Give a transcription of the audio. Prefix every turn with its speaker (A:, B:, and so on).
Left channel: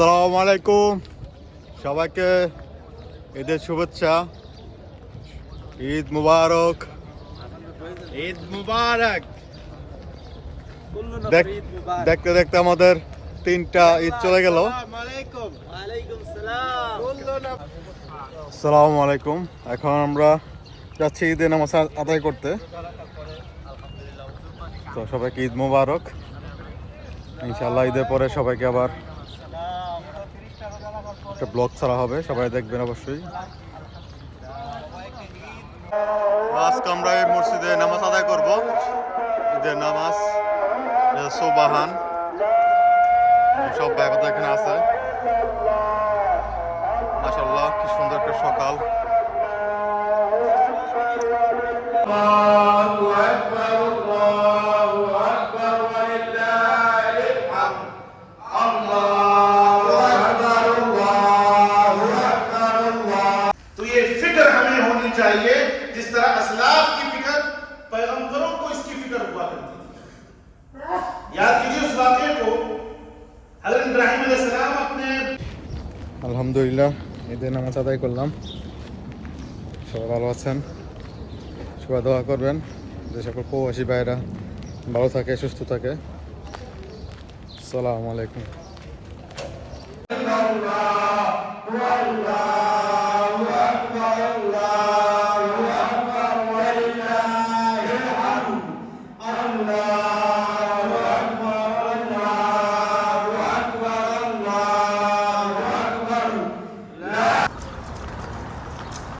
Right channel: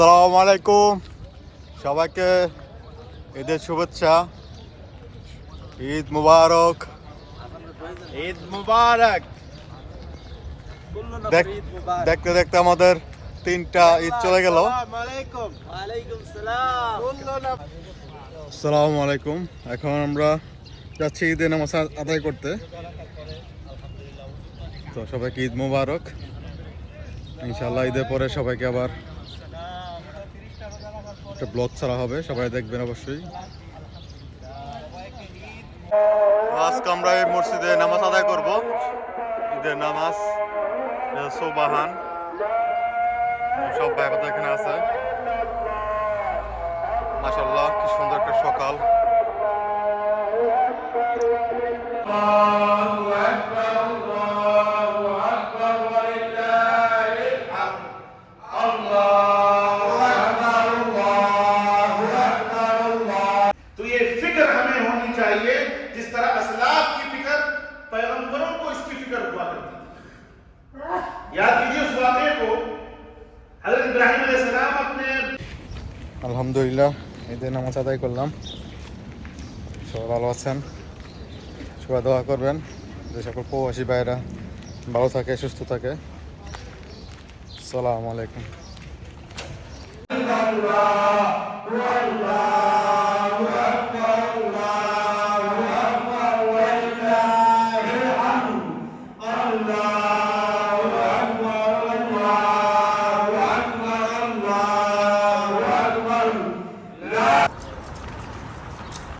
A: আসসালামু আলাইকুম। সবাইকে ঈদের শুভেচ্ছা। ঈদ মুবারক।
B: ঈদ মুবারক।
A: দেখ- দেখতে দেখতে আমাদের তিনটা ঈদ চলে গেল। আসসালামু আলাইকুম। এখন আমরা যাচ্ছি ঈদের নামাজ আদায় করতে। তো সবাইকে ঈদ মুবারক। ইনশাল্লাহ ঈদের পরে সবাইকে আবার একটা ব্লগ ছাড়া হবে, সবাই দেখবেন অবশ্যই। আজকে আমরা এই মসজিদে নামাজ আদায় করব। ঈদের নামাজ সোবাহান। সব ব্যাপার এখানে আছে। মাসাল্লাহ কি সুন্দর একটা সকাল।
C: चाहिए जिस तरह असलाफ की फिक्र पैगंबरों को इसकी फिक्र हुआ करती थी याद कीजिए उस वाक़े को हजरत इब्राहिम अलैहिस्सलाम अपने
A: আলহামদুলিল্লাহ ঈদের নামাজ আদায় করলাম সবাই ভালো আছেন সবাই দোয়া করবেন যে সকল প্রবাসী ভাইরা ভালো থাকে সুস্থ থাকে সালাম আলাইকুম
C: अल्लाह